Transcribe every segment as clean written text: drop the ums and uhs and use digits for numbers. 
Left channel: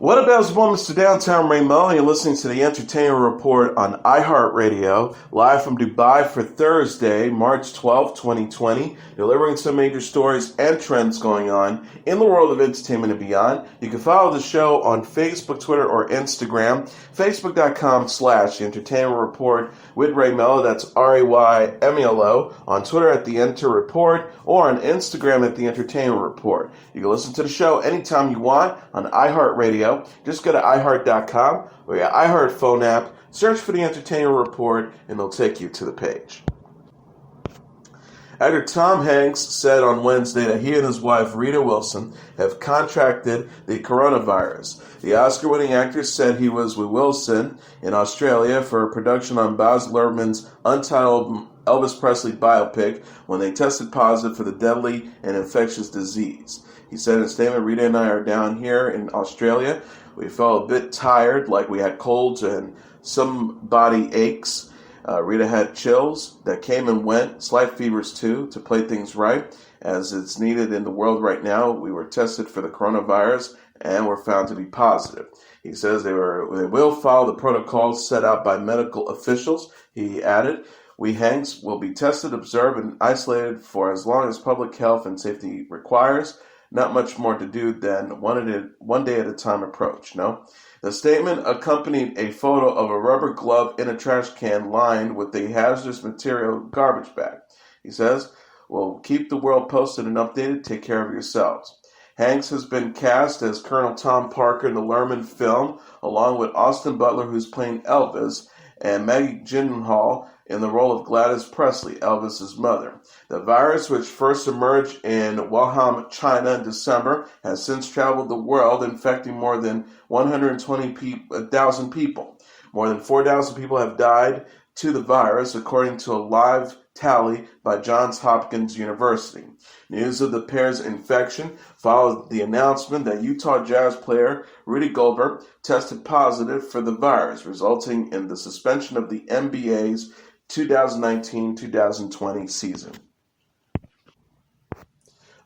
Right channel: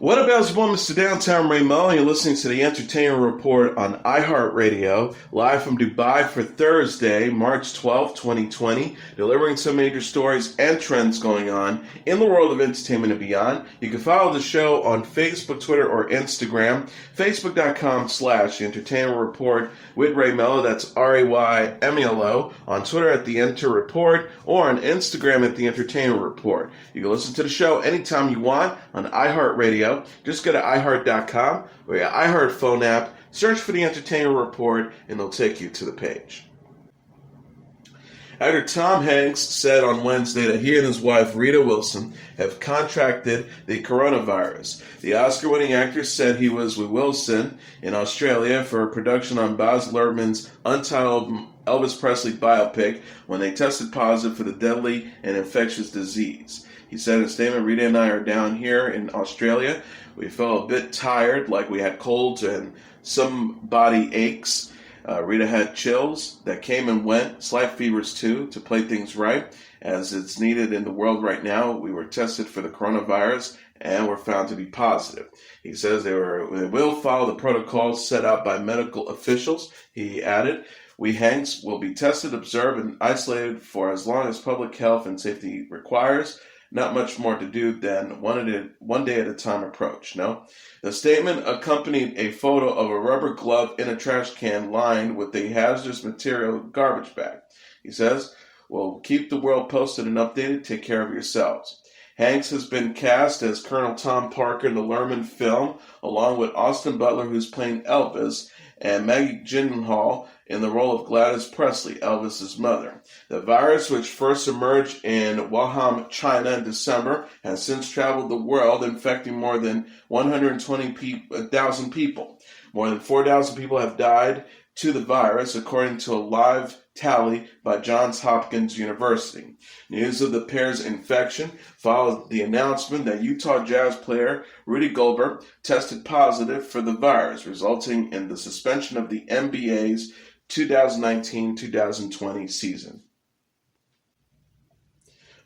What about his woman, Mr. Downtown Ray Melo? You're listening to the Entertainment Report on iHeartRadio, live from Dubai for Thursday, March 12, 2020, delivering some major stories and trends going on in the world of entertainment and beyond. You can follow the show on Facebook, Twitter, or Instagram, facebook.com/Entertainment Report with Ray Melo, that's RAYMELO, on Twitter at The Enter Report, or on Instagram at The Entertainment Report. You can listen to the show anytime you want on iHeartRadio. Just go to iHeart.com or your iHeart phone app, search for the Entertainment Report, and it'll take you to the page. Actor Tom Hanks said on Wednesday that he and his wife, Rita Wilson, have contracted the coronavirus. The Oscar-winning actor said he was with Wilson in Australia for a production on Baz Luhrmann's untitled Elvis Presley biopic when they tested positive for the deadly and infectious disease. He said in a statement, "Rita and I are down here in Australia. We felt a bit tired, like we had colds and some body aches. Rita had chills that came and went, slight fevers too, to play things right, as it's needed in the world right now. We were tested for the coronavirus and were found to be positive." He says they will follow the protocols set out by medical officials. He added, "We Hanks will be tested, observed, and isolated for as long as public health and safety requires. Not much more to do than one day at a time approach, no?" The statement accompanied a photo of a rubber glove in a trash can lined with a hazardous material garbage bag. He says, "We'll keep the world posted and updated. Take care of yourselves." Hanks has been cast as Colonel Tom Parker in the Luhrmann film, along with Austin Butler, who's playing Elvis, and Maggie Gyllenhaal in the role of Gladys Presley, Elvis's mother. The virus, which first emerged in Wuhan, China in December, has since traveled the world, infecting more than 120,000 people. More than 4,000 people have died to the virus, according to a live tally by Johns Hopkins University. News of the pair's infection followed the announcement that Utah Jazz player Rudy Gobert tested positive for the virus, resulting in the suspension of the NBA's 2019-2020 season.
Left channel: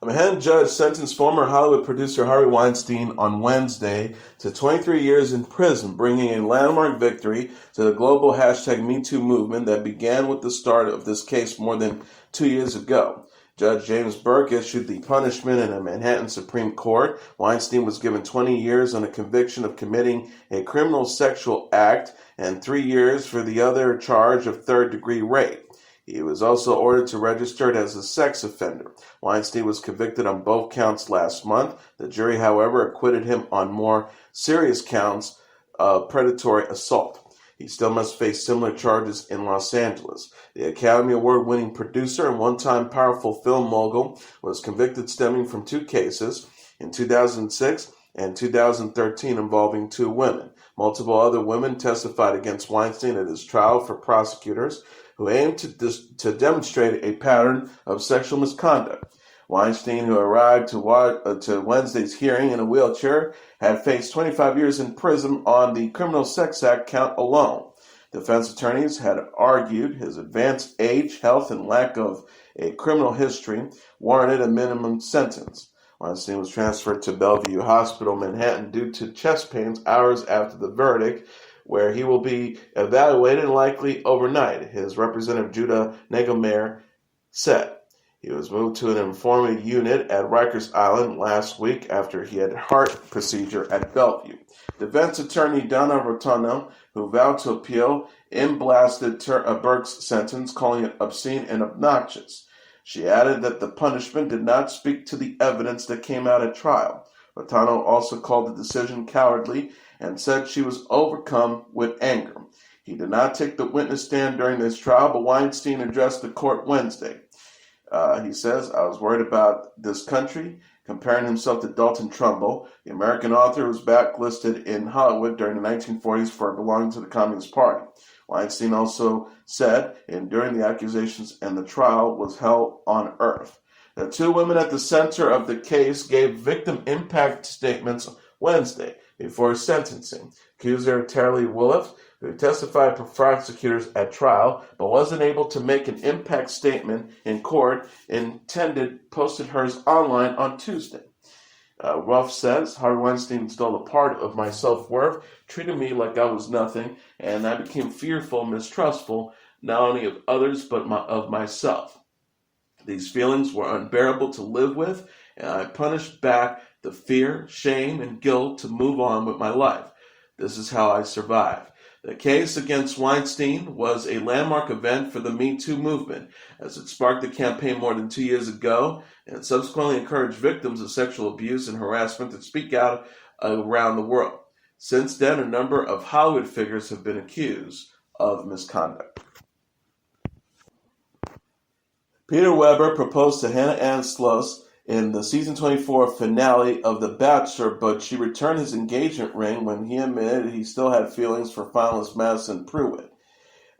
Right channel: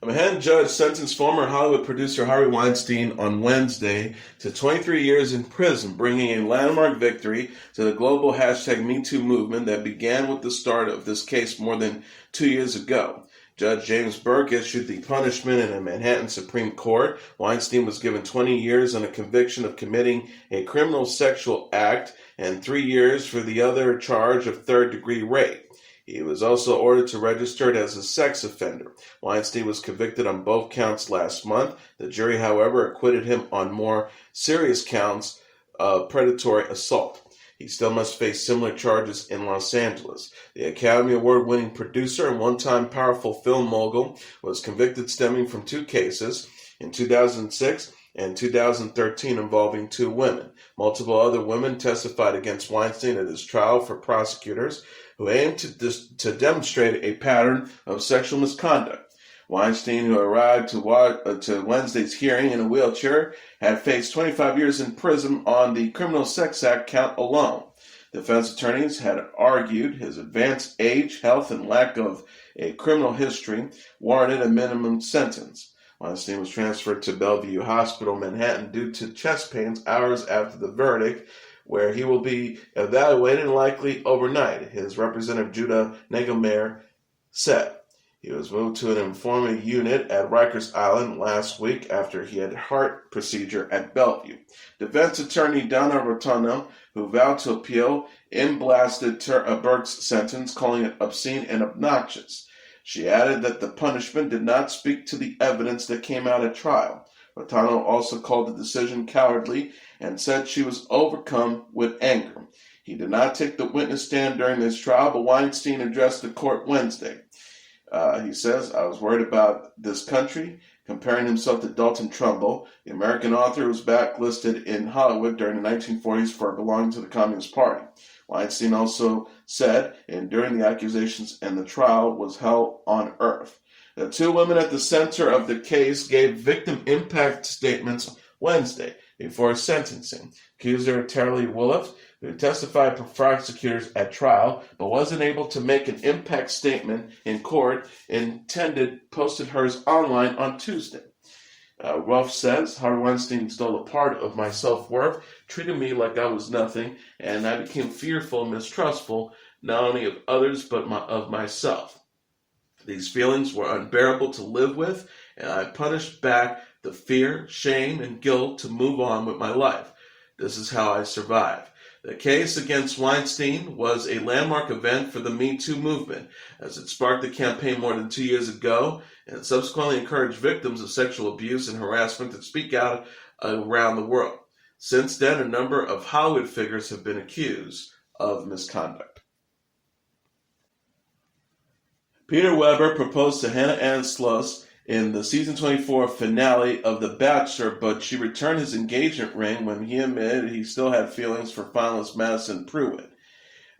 A Manhattan judge sentenced former Hollywood producer Harvey Weinstein on Wednesday to 23 years in prison, bringing a landmark victory to the global #MeToo movement that began with the start of this case more than 2 years ago. Judge James Burke issued the punishment in a Manhattan Supreme Court. Weinstein was given 20 years on a conviction of committing a criminal sexual act and 3 years for the other charge of third-degree rape. He was also ordered to register as a sex offender. Weinstein was convicted on both counts last month. The jury, however, acquitted him on more serious counts of predatory assault. He still must face similar charges in Los Angeles. The Academy Award-winning producer and one-time powerful film mogul was convicted stemming from 2 cases in 2006 and 2013 involving 2 women. Multiple other women testified against Weinstein at his trial for prosecutors who aimed to demonstrate a pattern of sexual misconduct. Weinstein, who arrived to Wednesday's hearing in a wheelchair, had faced 25 years in prison on the Criminal Sex Act count alone. Defense attorneys had argued his advanced age, health, and lack of a criminal history warranted a minimum sentence. Weinstein was transferred to Bellevue Hospital, Manhattan, due to chest pains hours after the verdict, where he will be evaluated likely overnight, his representative Judah Nagelmayer said. He was moved to an informant unit at Rikers Island last week after he had a heart procedure at Bellevue. Defense attorney Donna Rotuno, who vowed to appeal, blasted Burke's sentence, calling it obscene and obnoxious. She added that the punishment did not speak to the evidence that came out at trial. Rotuno also called the decision cowardly and said she was overcome with anger. He did not take the witness stand during this trial, but Weinstein addressed the court Wednesday. He says, "I was worried about this country," comparing himself to Dalton Trumbull, the American author who was blacklisted in Hollywood during the 1940s for belonging to the Communist Party. Weinstein also said, during the accusations and the trial was hell on earth. The 2 women at the center of the case gave victim impact statements Wednesday before sentencing. Accuser Terry Williff, who testified for prosecutors at trial but wasn't able to make an impact statement in court, posted hers online on Tuesday. Ruff says, Harvey Weinstein stole a part of my self-worth, treated me like I was nothing, and I became fearful and mistrustful, not only of others, but of myself. These feelings were unbearable to live with, and I punished back the fear, shame, and guilt to move on with my life. This is how I survived. The case against Weinstein was a landmark event for the Me Too movement, as it sparked a campaign more than 2 years ago, and it subsequently encouraged victims of sexual abuse and harassment to speak out around the world. Since then, a number of Hollywood figures have been accused of misconduct. Peter Weber proposed to Hannah-Ann Sluss in the season 24 finale of The Bachelor, but she returned his engagement ring when he admitted he still had feelings for finalist Madison Pruitt.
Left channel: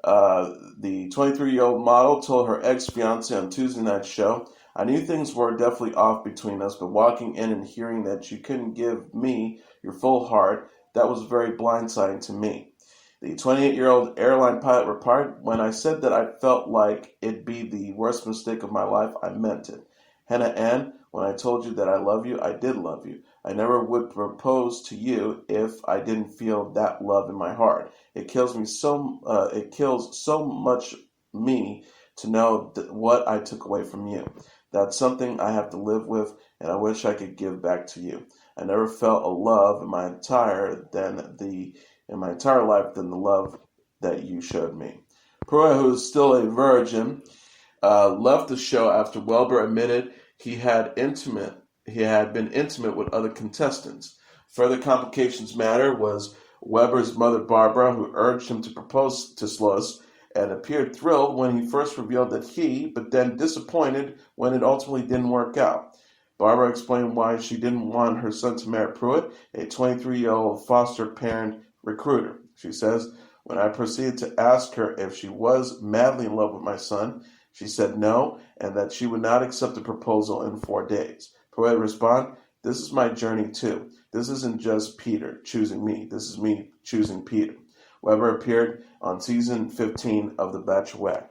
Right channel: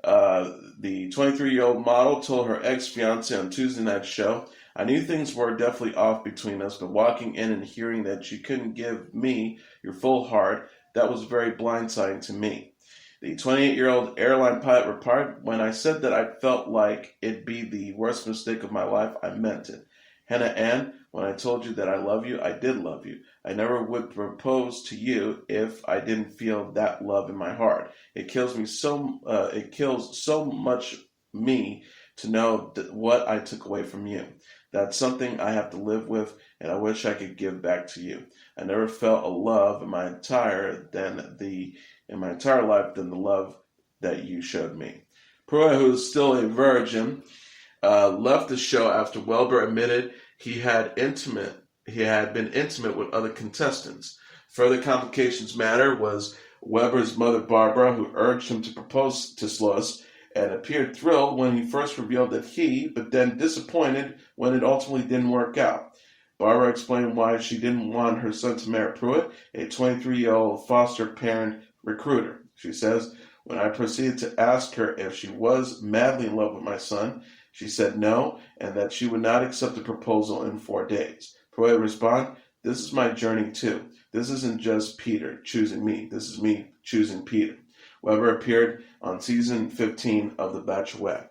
The 23-year-old model told her ex-fiance on Tuesday night's show, "I knew things were definitely off between us, but walking in and hearing that you couldn't give me your full heart, that was very blindsiding to me." The 28-year-old airline pilot replied, "When I said that I felt like it'd be the worst mistake of my life, I meant it. Hannah-Ann, when I told you that I love you, I did love you. I never would propose to you if I didn't feel that love in my heart. It kills so much me to know what I took away from you. That's something I have to live with, and I wish I could give back to you. I never felt a love in my entire life than the love that you showed me." Pruitt, who is still a virgin, left the show after Wahlberg admitted he had been intimate with other contestants. Further complications matter was Weber's mother Barbara, who urged him to propose to Sluss and appeared thrilled when he first revealed that but then disappointed when it ultimately didn't work out. Barbara explained why she didn't want her son to marry Pruitt, a 23-year-old foster parent recruiter. She says, "When I proceeded to ask her if she was madly in love with my son, she said no, and that she would not accept the proposal in 4 days. Pruitt responded, 'This is my journey too. This isn't just Peter choosing me. This is me choosing Peter.'" Weber appeared on season 15 of The Bachelorette.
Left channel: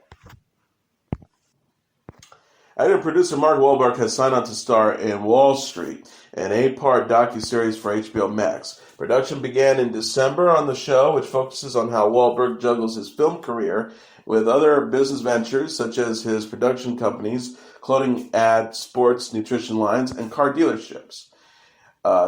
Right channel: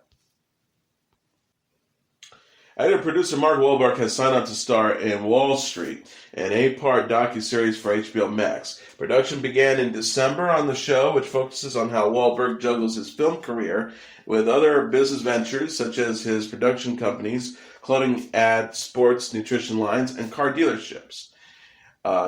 Actor and producer Mark Wahlberg has signed on to star in Wahl Street, an 8-part docu-series for HBO Max. Production began in December on the show, which focuses on how Wahlberg juggles his film career with other business ventures such as his production companies, clothing ad, sports, nutrition lines, and car dealerships.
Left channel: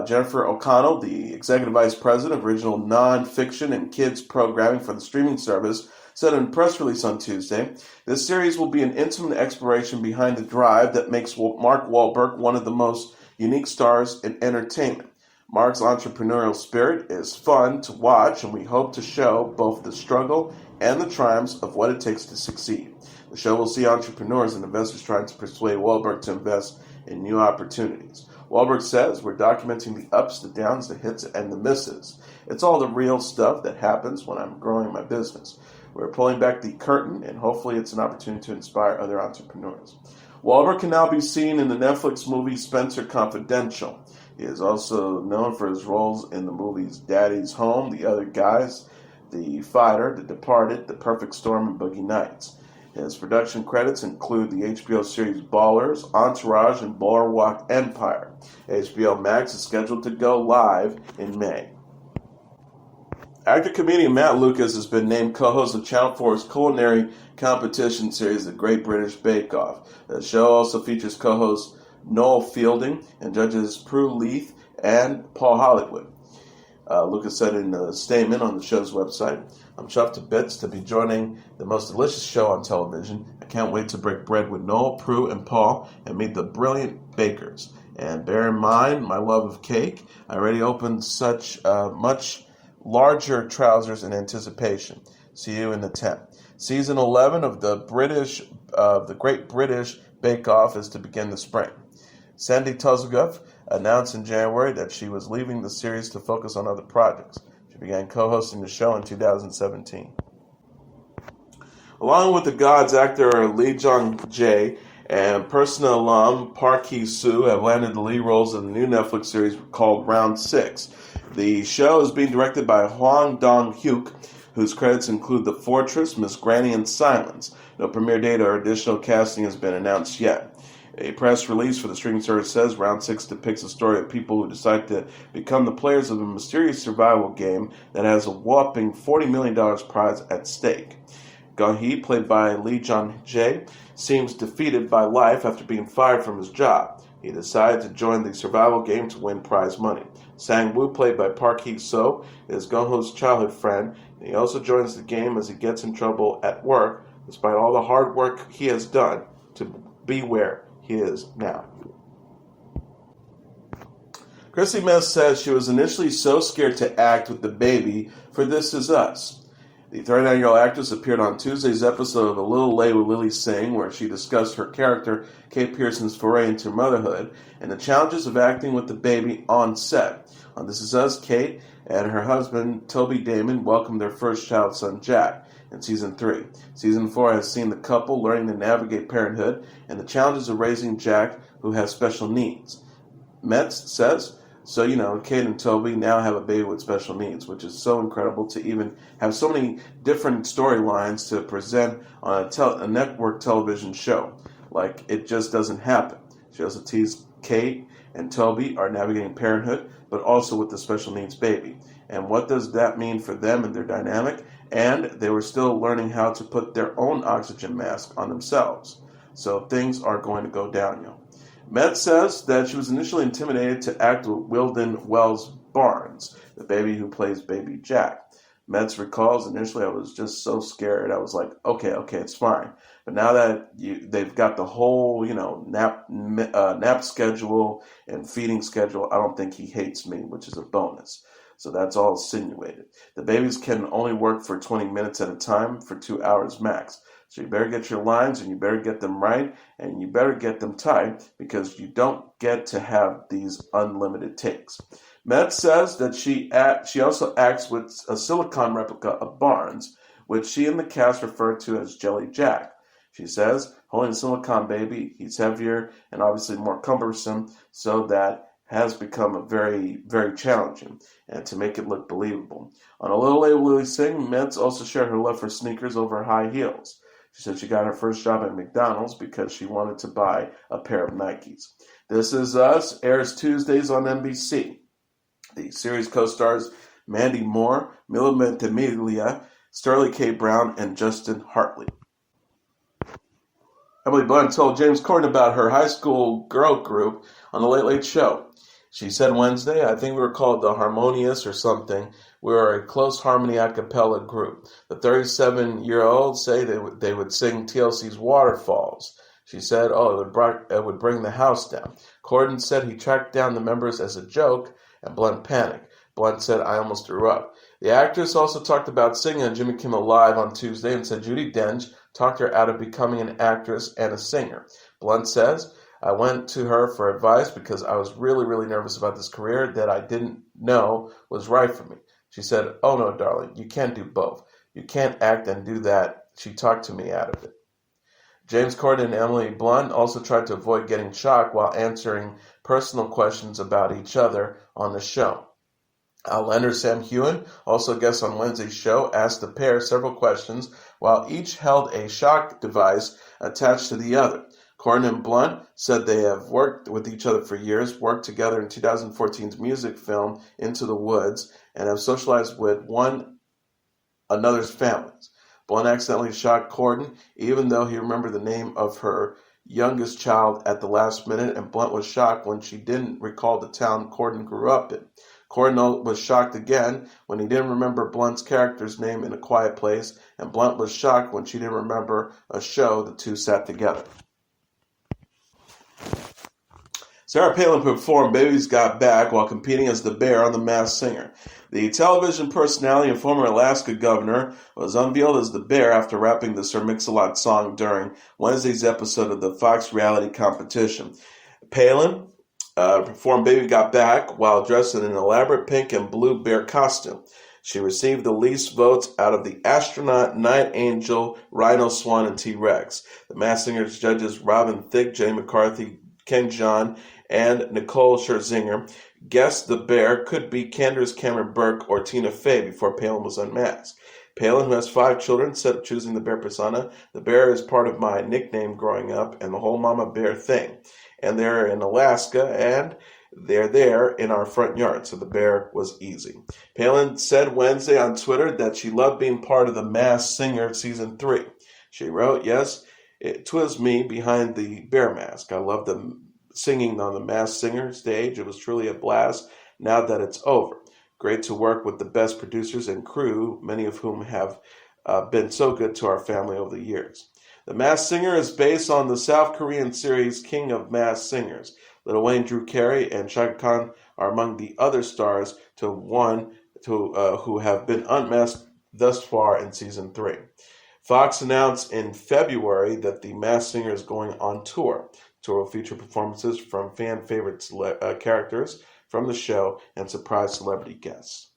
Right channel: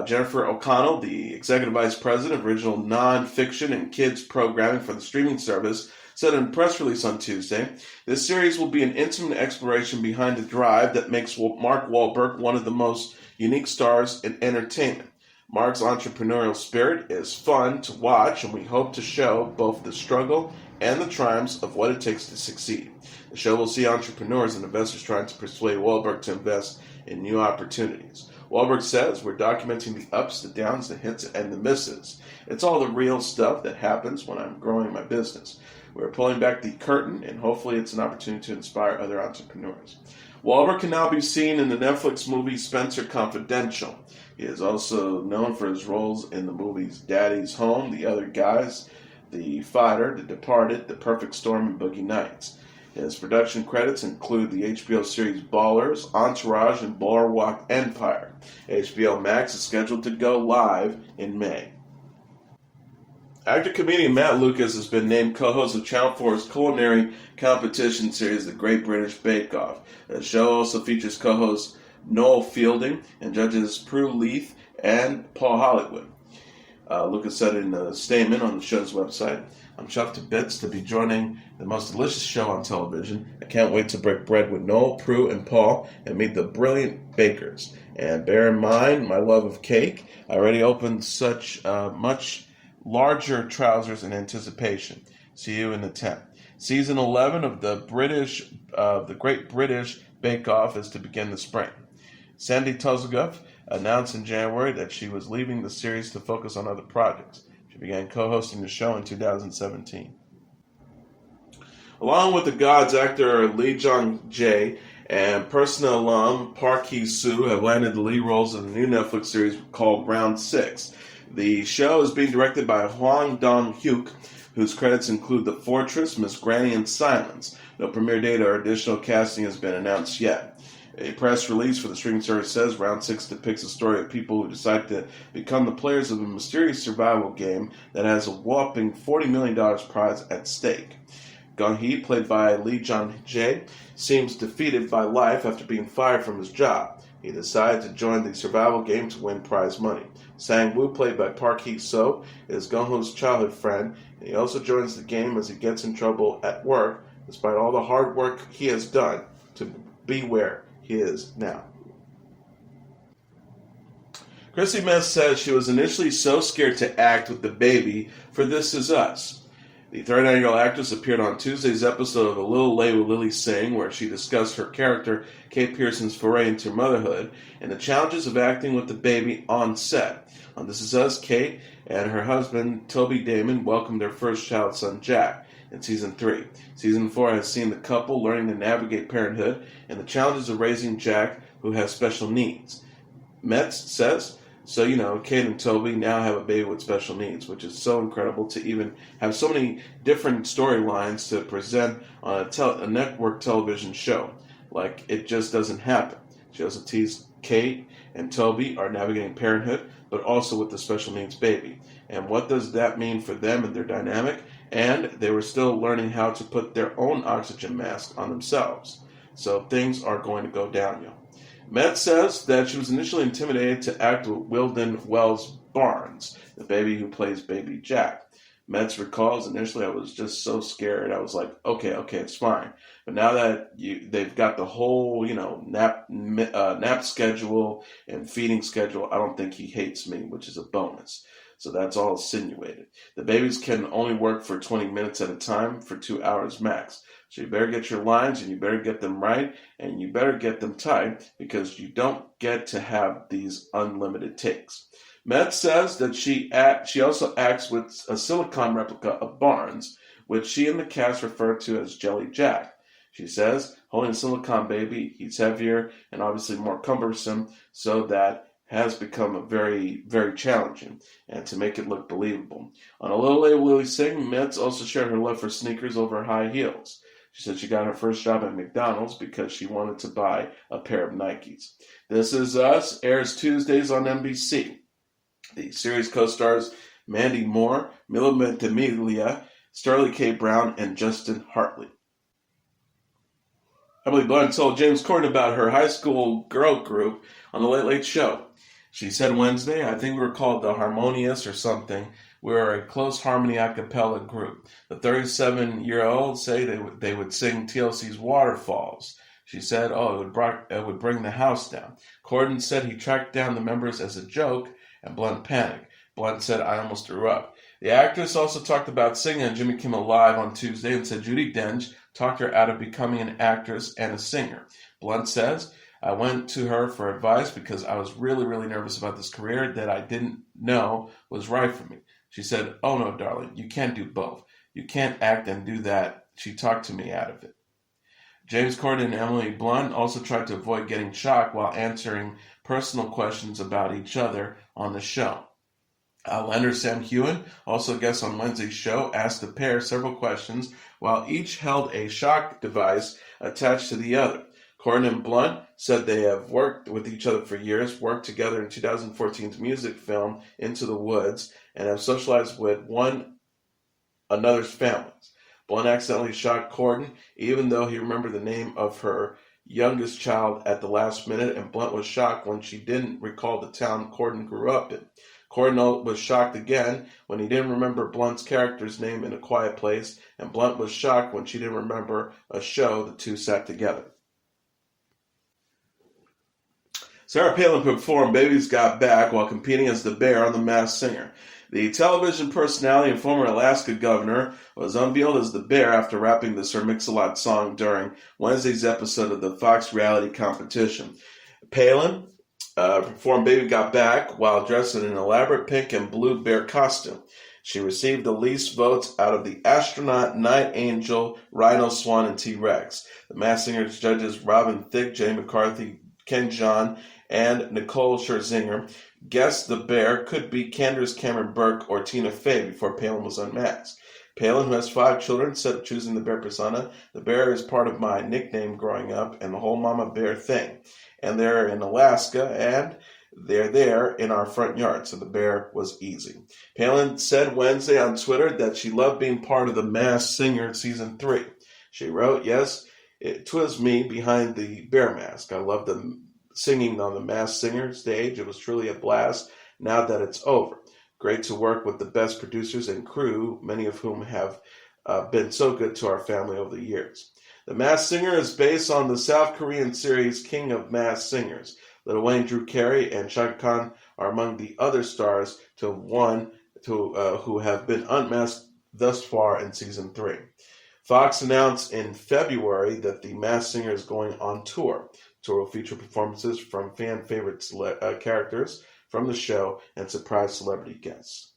Jennifer O'Connell, the executive vice president of original non-fiction and kids programming for the streaming service, said in a press release on Tuesday, "This series will be an intimate exploration behind the drive that makes Mark Wahlberg one of the most unique stars in entertainment. Mark's entrepreneurial spirit is fun to watch, and we hope to show both the struggle and the triumphs of what it takes to succeed. The show will see entrepreneurs and investors trying to persuade Wahlberg to invest in new opportunities. Wahlberg says, "We're documenting the ups, the downs, the hits, and the misses. It's all the real stuff that happens when I'm growing my business. We're pulling back the curtain, and hopefully it's an opportunity to inspire other entrepreneurs." Wahlberg can now be seen in the Netflix movie Spencer Confidential. He is also known for his roles in the movies Daddy's Home, The Other Guys, The Fighter, The Departed, The Perfect Storm, and Boogie Nights. His production credits include the HBO series Ballers, Entourage, and Boardwalk Empire. HBO Max is scheduled to go live in May. Actor-comedian Matt Lucas has been named co-host of Channel 4's culinary competition series, The Great British Bake Off. The show also features co-hosts Noel Fielding and judges Prue Leith and Paul Hollywood. Lucas said in a statement on the show's website, "I'm chuffed to bits to be joining the most delicious show on television. I can't wait to break bread with Noel, Prue, and Paul and meet the brilliant bakers. And bear in mind my love of cake. I already opened such much larger trousers in anticipation. See you in the tent." Season 11 of the Great British Bake Off is to begin this spring. Sandy Tuzlegoff announced in January that she was leaving the series to focus on other projects. She began co-hosting the show in 2017. Along with the Gods actor Lee Jung-jae and Persona alum Park Hae-soo have landed the lead roles in the new Netflix series called Round 6. The show is being directed by Hwang Dong-hyuk, whose credits include The Fortress, Miss Granny, and Silence. No premiere date or additional casting has been announced yet. A press release for the streaming service says Round 6 depicts a story of people who decide to become the players of a mysterious survival game that has a whopping $40 million prize at stake. Jung-jae, played by Jung-jae, seems defeated by life after being fired from his job. He decided to join the survival game to win prize money. Sang-woo, played by Hae-soo, is Jung-ho's childhood friend, and he also joins the game as he gets in trouble at work, despite all the hard work he has done to be where he is now. Chrissy Metz says she was initially so scared to act with the baby for This Is Us. The 39-year-old actress appeared on Tuesday's episode of A Little Late with Lily Singh, where she discussed her character, Kate Pearson's foray into motherhood, and the challenges of acting with the baby on set. On This Is Us, Kate and her husband, Toby Damon, welcomed their first child son, Jack, in Season 3. Season 4 has seen the couple learning to navigate parenthood and the challenges of raising Jack, who has special needs. Metz says, so, Kate and Toby now have a baby with special needs, which is so incredible to even have so many different storylines to present on a network television show. Like, it just doesn't happen. She also teased Kate and Toby are navigating parenthood, but also with the special needs baby. And what does that mean for them and their dynamic? And they were still learning how to put their own oxygen mask on themselves. So things are going to go downhill. Metz says that she was initially intimidated to act with Wilden Wells Barnes, the baby who plays baby Jack. Metz recalls, initially I was just so scared. I was like, okay, it's fine. But now that they've got the whole, nap schedule and feeding schedule, I don't think he hates me, which is a bonus. So that's all insinuated. The babies can only work for 20 minutes at a time for 2 hours max. So you better get your lines and you better get them right and you better get them tight because you don't get to have these unlimited takes. Metz says that she also acts with a silicone replica of Barnes, which she and the cast refer to as Jelly Jack. She says, holding a silicone baby, he's heavier and obviously more cumbersome, so that has become very, very challenging, and to make it look believable. On A Little Late with Lily Singh, Metz also shared her love for sneakers over high heels. She said she got her first job at McDonald's because she wanted to buy a pair of Nikes. This Is Us airs Tuesdays on NBC. The series co-stars Mandy Moore, Milo Ventimiglia, Sterling K. Brown, and Justin Hartley. Emily Blunt told James Corden about her high school girl group on The Late Late Show. She said Wednesday, I think we were called the Harmonious or something. We were a close harmony a cappella group. The 37-year-olds say they would sing TLC's Waterfalls. She said, it would bring the house down. Corden said he tracked down the members as a joke, and Blunt panicked. Blunt said, I almost threw up. The actress also talked about singing on Jimmy Kimmel Live on Tuesday and said Judi Dench talked her out of becoming an actress and a singer. Blunt says, I went to her for advice because I was really, really nervous about this career that I didn't know was right for me. She said, oh no, darling, you can't do both. You can't act and do that. She talked to me out of it. James Corden and Emily Blunt also tried to avoid getting shocked while answering personal questions about each other on the show. Outlander Sam Heughan, also guest on Wednesday's show, asked the pair several questions while each held a shock device attached to the other. Corden and Blunt said they have worked with each other for years, worked together in 2014's music film Into the Woods, and have socialized with one another's families. Blunt accidentally shocked Corden, even though he remembered the name of her youngest child at the last minute, and Blunt was shocked when she didn't recall the town Corden grew up in. Corden was shocked again when he didn't remember Blunt's character's name in A Quiet Place, and Blunt was shocked when she didn't remember a show the two sat together. Sarah Palin performed Baby's Got Back while competing as the bear on The Masked Singer. The television personality and former Alaska governor was unveiled as the bear after rapping the Sir Mix-a-Lot song during Wednesday's episode of the Fox reality competition. Palin performed Baby Got Back while dressed in an elaborate pink and blue bear costume. She received the least votes out of the astronaut, night angel, rhino, swan, and T-Rex. The Masked Singer's judges Robin Thicke, Jenny McCarthy, Ken Jeong, and Nicole Scherzinger guessed the bear could be Candace Cameron Burke or Tina Fey before Palin was unmasked. Palin, who has 5 children, said choosing the bear persona. The bear is part of my nickname growing up and the whole mama bear thing. And they're in Alaska and they're there in our front yard, so the bear was easy. Palin said Wednesday on Twitter that she loved being part of The Masked Singer Season 3. She wrote, "Yes, it was me behind the bear mask. I loved the singing on the Masked Singer stage. It was truly a blast now that it's over. Great to work with the best producers and crew, many of whom have been so good to our family over the years." The Masked Singer is based on the South Korean series King of Masked Singers. Lil Wayne, Drew Carey, and Chaka Khan are among the other stars who have been unmasked thus far in Season 3. Fox announced in February that The Masked Singer is going on tour. The tour will feature performances from fan-favorite characters from the show and surprise celebrity guests.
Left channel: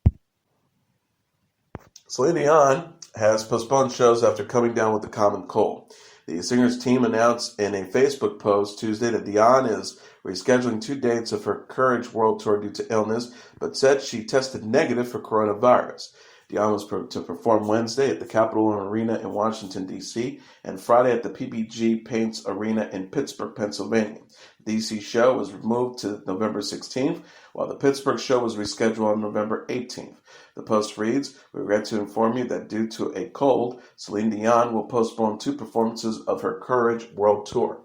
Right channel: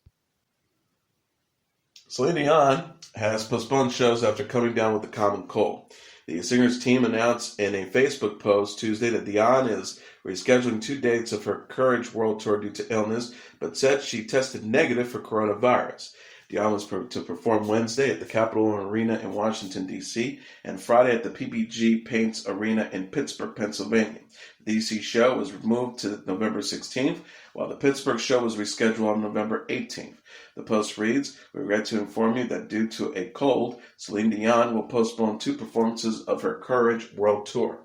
Celine Dion has postponed shows after coming down with a common cold. The singer's team announced in a Facebook post Tuesday that Dion is rescheduling 2 dates of her Courage World Tour due to illness, but said she tested negative for coronavirus. Dion was to perform Wednesday at the Capitol Arena in Washington, D.C., and Friday at the PPG Paints Arena in Pittsburgh, Pennsylvania. The D.C. show was moved to November 16th, while the Pittsburgh show was rescheduled on November 18th. The post reads, "We regret to inform you that due to a cold, Celine Dion will postpone 2 performances of her Courage World Tour."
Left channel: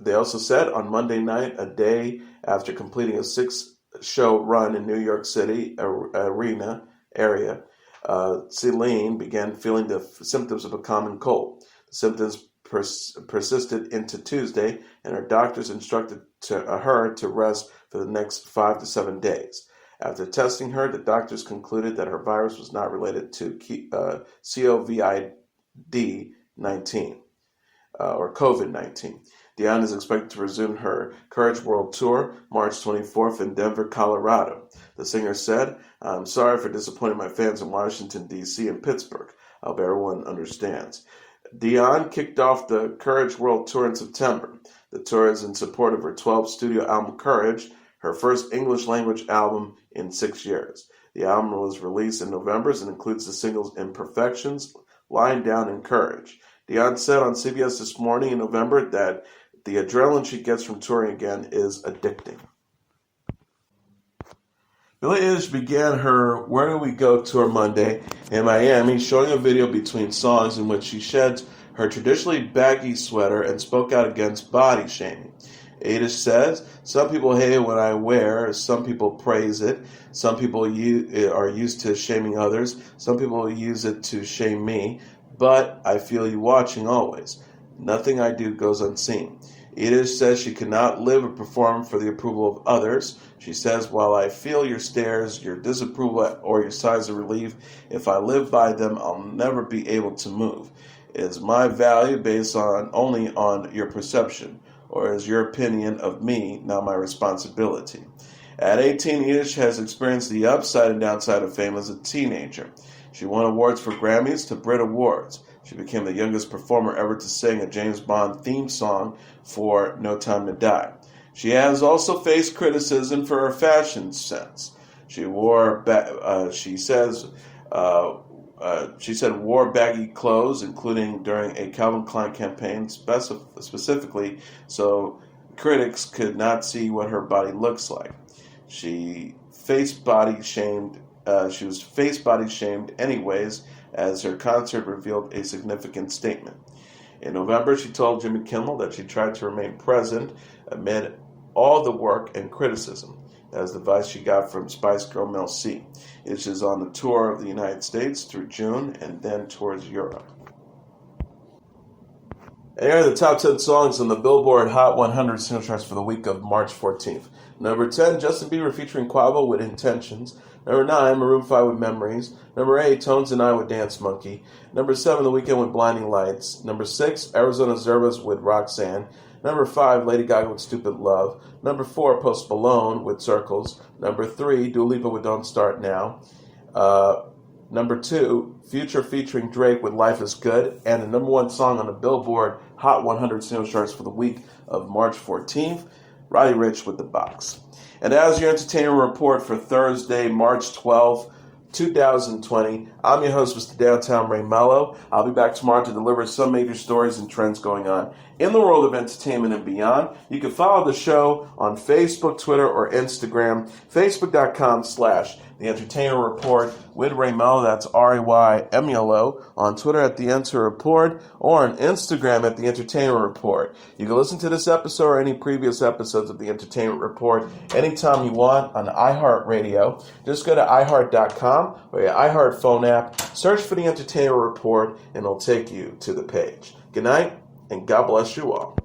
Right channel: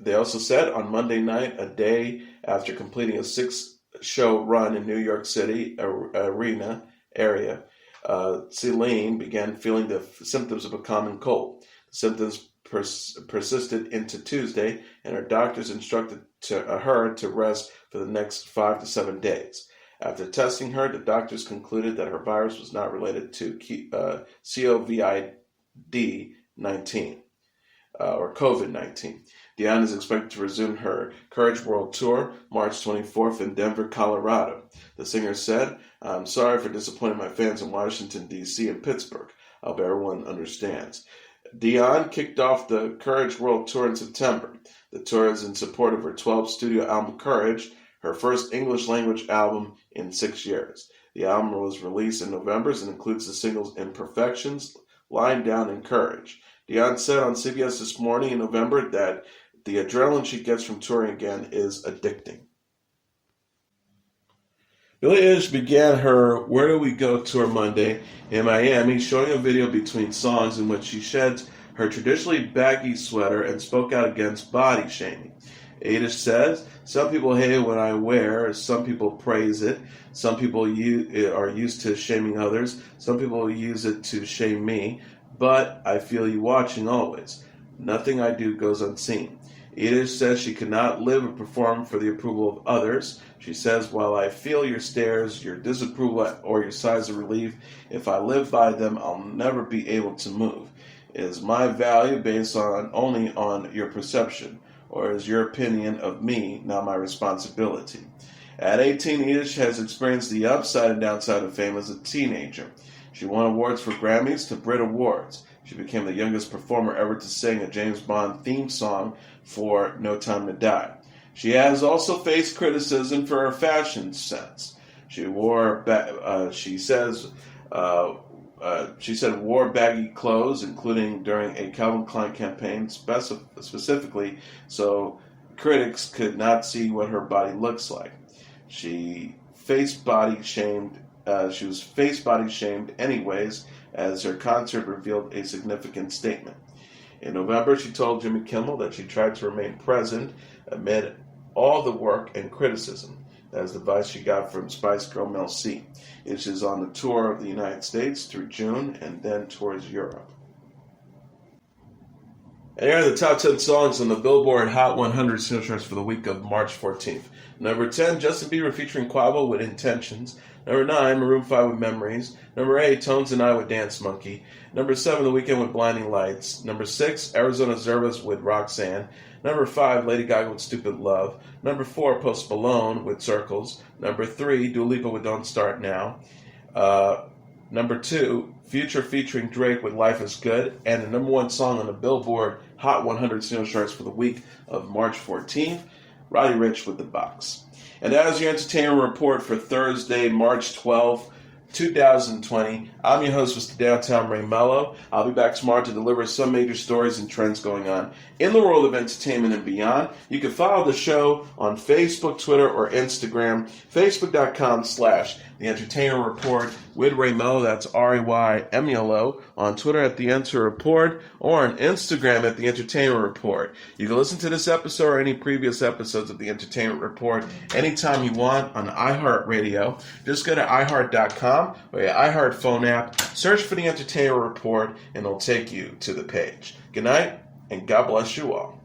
They also said on Monday night, a day after completing a 6-show run in New York City area, Celine began feeling the symptoms of a common cold. The symptoms persisted into Tuesday, and her doctors instructed her to rest for the next 5 to 7 days. After testing her, the doctors concluded that her virus was not related to COVID-19 or COVID-19. Dion is expected to resume her Courage World Tour March 24th in Denver, Colorado. The singer said, "I'm sorry for disappointing my fans in Washington, D.C. and Pittsburgh. I hope everyone understands." Dion kicked off the Courage World Tour in September. The tour is in support of her 12th studio album Courage, her first English-language album in 6 years. The album was released in November and includes the singles Imperfections, Lying Down, and Courage. Dion said on CBS This Morning in November that the adrenaline she gets from touring again is addicting. Billie Eilish began her Where Do We Go tour Monday in Miami, showing a video between songs in which she sheds her traditionally baggy sweater and spoke out against body shaming. Eilish says, "Some people hate it when I wear, some people praise it, some people are used to shaming others, some people use it to shame me, but I feel you watching always. Nothing I do goes unseen." Eilish says she cannot live or perform for the approval of others. She says, "While I feel your stares, your disapproval, or your sighs of relief, if I live by them, I'll never be able to move. Is my value based only on your perception, or is your opinion of me not my responsibility?" At 18, Eilish has experienced the upside and downside of fame as a teenager. She won awards for Grammys to Brit Awards. She became the youngest performer ever to sing a James Bond theme song for No Time to Die. She has also faced criticism for her fashion sense. She said wore baggy clothes, including during a Calvin Klein campaign specifically so critics could not see what her body looks like. She was body shamed anyways, as her concert revealed a significant statement. In November, she told Jimmy Kimmel that she tried to remain present amid all the work and criticism. That is the advice she got from Spice Girl Mel C. It is on the tour of the United States through June and then towards Europe. And here are the top 10 songs on the Billboard Hot 100 single charts for the week of March 14th. Number 10, Justin Bieber featuring Quavo with Intentions. Number 9, Maroon 5 with Memories. Number 8, Tones and I with Dance Monkey. Number 7, The Weeknd with Blinding Lights. Number 6, Arizona Zervas with Roxanne. Number 5, Lady Gaga with Stupid Love. Number 4, Post Malone with Circles. Number 3, Dua Lipa with Don't Start Now. Number 2, Future featuring Drake with Life is Good. And the number 1 song on the Billboard Hot 100 single charts for the week of March 14th, Roddy Ricch with The Box. And as your entertainment report for Thursday, March 12th, 2020. I'm your host, Mr. Downtown Ray Melo. I'll be back tomorrow to deliver some major stories and trends going on in the world of entertainment and beyond. You can follow the show on Facebook, Twitter, or Instagram. Facebook.com/The Entertainment Report with Ray Melo. That's RAYMELO. On Twitter at The Enter Report, or on Instagram at The Entertainment Report. You can listen to this episode or any previous episodes of The Entertainment Report anytime you want on iHeartRadio. Just go to iHeart.com or your iHeart phone app, search for The Entertainment Report, and it'll take you to the page. Good night, and God bless you all.